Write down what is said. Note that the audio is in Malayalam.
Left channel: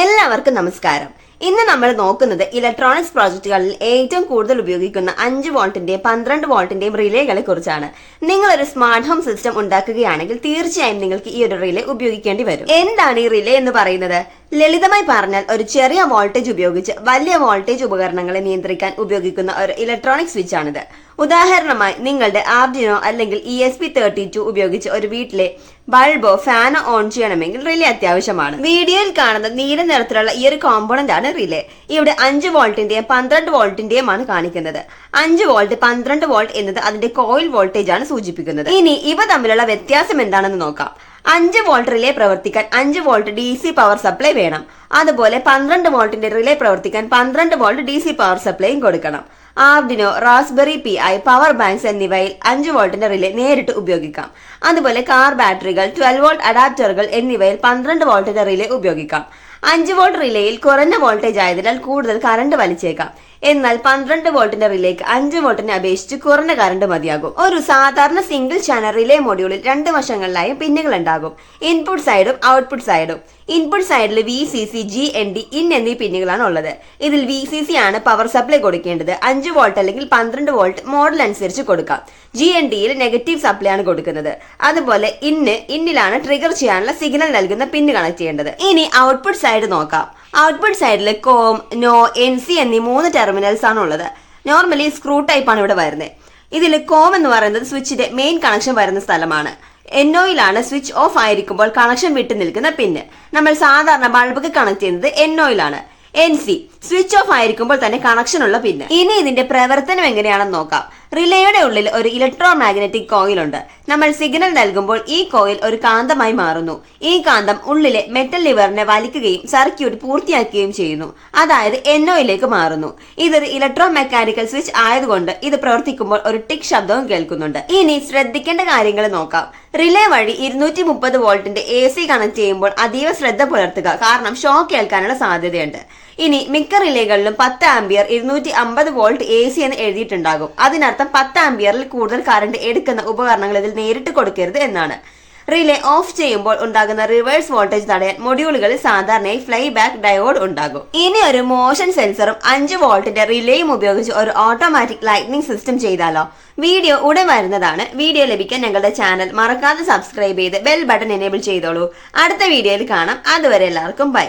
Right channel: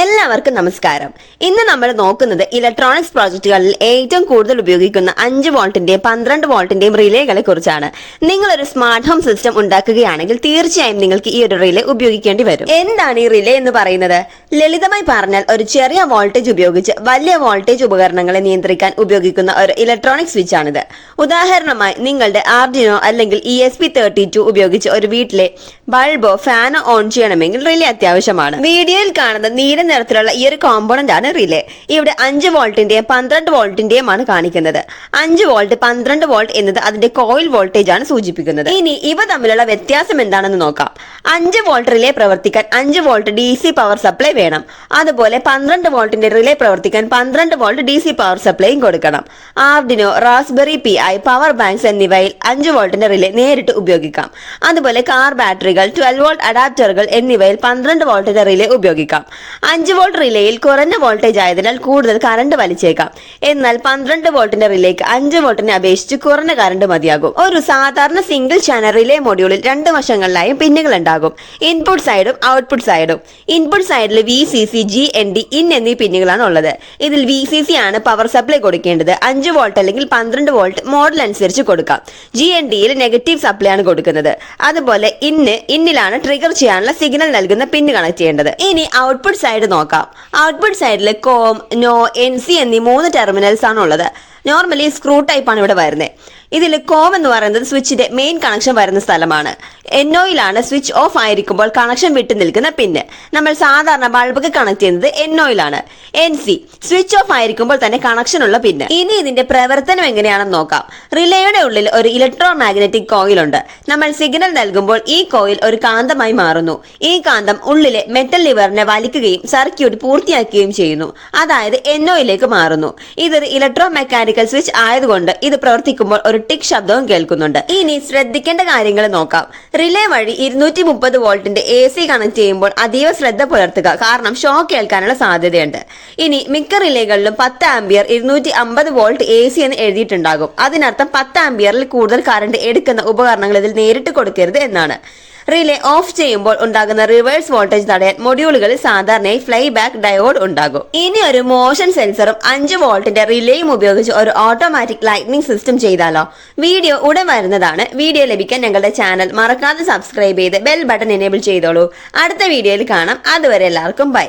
എല്ലാവർക്കും നമസ്കാരം. ഇന്ന് നമ്മൾ നോക്കുന്നത് ഇലക്ട്രോണിക്സ് പ്രോജക്റ്റുകളിൽ ഏറ്റവും കൂടുതൽ ഉപയോഗിക്കുന്ന 5 വോൾട്ടിന്റെയും 12 വോൾട്ടിന്റെയും റിലേകളെ കുറിച്ചാണ്. നിങ്ങൾ ഒരു സ്മാർട്ട് ഹോം സിസ്റ്റം ഉണ്ടാക്കുകയാണെങ്കിൽ തീർച്ചയായും നിങ്ങൾക്ക് ഈ ഒരു റിലേ ഉപയോഗിക്കേണ്ടി വരും. എന്താണ് ഈ റിലേ എന്ന് പറയുന്നത്? ലളിതമായി പറഞ്ഞാൽ ഒരു ചെറിയ വോൾട്ടേജ് ഉപയോഗിച്ച് വലിയ വോൾട്ടേജ് ഉപകരണങ്ങളെ നിയന്ത്രിക്കാൻ ഉപയോഗിക്കുന്ന ഒരു ഇലക്ട്രോണിക് സ്വിച്ച് ആണിത്. ഉദാഹരണമായി നിങ്ങളുടെ ആർഡിനോ അല്ലെങ്കിൽ ESP32 ഉപയോഗിച്ച് ഒരു വീട്ടിലെ ബൾബോ ഫാനോ ഓൺ ചെയ്യണമെങ്കിൽ റിലേ അത്യാവശ്യമാണ്. വീഡിയോയിൽ കാണുന്ന നീല നിറത്തിലുള്ള ഈ ഒരു കോമ്പോണന്റ് ആണ് റിലേ. ഇവിടെ 5 വോൾട്ടിന്റെയും 12 വോൾട്ടിന്റെയും ആണ് കാണിക്കുന്നത്. 5 വോൾട്ട് 12 വോൾട്ട് എന്നത് അതിന്റെ കോയിൽ വോൾട്ടേജ് ആണ് സൂചിപ്പിക്കുന്നത്. ഇനി ഇവ തമ്മിലുള്ള വ്യത്യാസം എന്താണെന്ന് നോക്കാം. 5 വോൾട്ട് റിലേ പ്രവർത്തിക്കാൻ 5 വോൾട്ട് DC പവർ സപ്ലൈ വേണം. അതുപോലെ 12 വോൾട്ടിന്റെ റിലേ പ്രവർത്തിക്കാൻ 12 വോൾട്ട് DC പവർ സപ്ലൈയും കൊടുക്കണം. Arduino, raspberry PI, power banks എന്നിവയിൽ 5 വോൾട്ടിന്റെ റിലേ നേരിട്ട് ഉപയോഗിക്കാം. അതുപോലെ കാർ ബാറ്ററികൾ, 12 വോൾട്ട് അഡാപ്റ്ററുകൾ എന്നിവയിൽ 12 വോൾട്ടിന്റെ റിലേ ഉപയോഗിക്കാം. 5 വോൾട്ട് റിലേയിൽ കുറഞ്ഞ വോൾട്ടേജ് ആയതിനാൽ കൂടുതൽ കറണ്ട് വലിച്ചേക്കാം. എന്നാൽ 12 വോൾട്ടിന്റെ റിലേക്ക് 5 വോൾട്ടിനെ അപേക്ഷിച്ച് കുറഞ്ഞ കറണ്ട് മതിയാകും. ഒരു സാധാരണ സിംഗിൾ ചാനൽ റിലേ മൊഡ്യൂളിൽ 2 വശങ്ങളിലായും പിന്നുകൾ ഉണ്ടാകും. ഇൻപുട്ട് സൈഡും ഔട്ട്പുട്ട് സൈഡും. ഇൻപുട്ട് സൈഡിൽ VCC, GND, ഇൻ എന്നീ പിന്നുകളാണ് ഉള്ളത്. ഇതിൽ VCC ആണ് പവർ സപ്ലൈ കൊടുക്കേണ്ടത്. 5 വോൾട്ട് അല്ലെങ്കിൽ 12 വോൾട്ട് മോഡൽ അനുസരിച്ച് കൊടുക്കാം. GNDയിൽ നെഗറ്റീവ് സപ്ലൈ ആണ് കൊടുക്കുന്നത്. അതുപോലെ ഇന്നിലാണ് ട്രിഗർ ചെയ്യാനുള്ള സിഗ്നൽ നൽകുന്ന പിന്ന് കണക്ട് ചെയ്യേണ്ടത്. ഇനി ഔട്ട്പുട്ട് സൈഡ് നോക്കാം. ഔട്ട്പുട്ട് സൈഡിൽ കോം, നോ, NC എന്നീ 3 ടെർമിനൽസ് ആണ് ഉള്ളത്. നോർമലി സ്ക്രൂ ടൈപ്പ് ആണ് ഇവിടെ വരുന്നത്. ഇതിൽ കോം എന്ന് പറയുന്നത് സ്വിച്ചിന്റെ മെയിൻ കണക്ഷൻ വരുന്ന സ്ഥലമാണ്. NOയിലാണ് സ്വിച്ച് ഓഫ് ആയിരിക്കുമ്പോൾ കണക്ഷൻ വിട്ടു നിൽക്കുന്ന പിന്ന്. നമ്മൾ സാധാരണ ബൾബൊക്കെ കണക്ട് ചെയ്യുന്നത് NOയിലാണ്. NC സ്വിച്ച് ഓഫ് ആയിരിക്കുമ്പോൾ തന്നെ കണക്ഷൻ ഉള്ള പിന്ന്. ഇനി ഇതിന്റെ പ്രവർത്തനം എങ്ങനെയാണെന്ന് നോക്കാം. റിലേയുടെ ഉള്ളിൽ ഒരു ഇലക്ട്രോ മാഗ്നറ്റിക് കോയിൽ ഉണ്ട്. നമ്മൾ സിഗ്നൽ നൽകുമ്പോൾ ഈ കോയിൽ ഒരു കാന്തമായി മാറുന്നു. ഈ കാന്തം ഉള്ളിലെ മെറ്റൽ ലിവറിനെ വലിക്കുകയും സർക്യൂട്ട് പൂർത്തിയാക്കുകയും ചെയ്യുന്നു. അതായത് NOയിലേക്ക് മാറുന്നു. ഇതൊരു ഇലക്ട്രോ മെക്കാനിക്കൽ സ്വിച്ച് ആയതുകൊണ്ട് ഇത് പ്രവർത്തിക്കുമ്പോൾ ഒരു ടിക് ശബ്ദവും കേൾക്കുന്നുണ്ട്. ഇനി ശ്രദ്ധിക്കേണ്ട കാര്യങ്ങൾ നോക്കാം. റിലേ വഴി 230 വോൾട്ടിന്റെ AC കണക്ട് ചെയ്യുമ്പോൾ അതീവ ശ്രദ്ധ പുലർത്തുക, കാരണം ഷോക്ക് ഏൽക്കാനുള്ള സാധ്യതയുണ്ട്. ഇനി മിക്ക റിലേകളിലും 10 ആംപിയർ 250 വോൾട്ട് AC എന്ന് എഴുതിയിട്ടുണ്ടാകും. അതിനർത്ഥം 10 ആംപിയറിൽ കൂടുതൽ കറണ്ട് എടുക്കുന്ന ഉപകരണങ്ങൾ ഇതിൽ നേരിട്ട് കൊടുക്കരുത് എന്നാണ്. റിലേ ഓഫ് ചെയ്യുമ്പോൾ ഉണ്ടാകുന്ന റിവേഴ്സ് വോൾട്ടേജ് തടയാൻ മൊഡ്യൂളുകളിൽ സാധാരണയായി ഫ്ലൈ ബാക്ക് ഡയോഡ് ഉണ്ടാകും. ഇനി ഒരു മോഷൻ സെൻസറും 5 വോൾട്ടിന്റെ റിലേയും ഉപയോഗിച്ച് ഒരു ഓട്ടോമാറ്റിക് ലൈറ്റ്നിങ് സിസ്റ്റം ചെയ്താലോ? വീഡിയോ ഉടൻ വരുന്നതാണ്. വീഡിയോ ലഭിക്കാൻ ഞങ്ങളുടെ ചാനൽ മറക്കാതെ സബ്സ്ക്രൈബ് ചെയ്ത് ബെൽ ബട്ടൺ എനേബിൾ ചെയ്തോളൂ. അടുത്ത വീഡിയോയിൽ കാണാം. അതുവരെ എല്ലാവർക്കും ബൈ.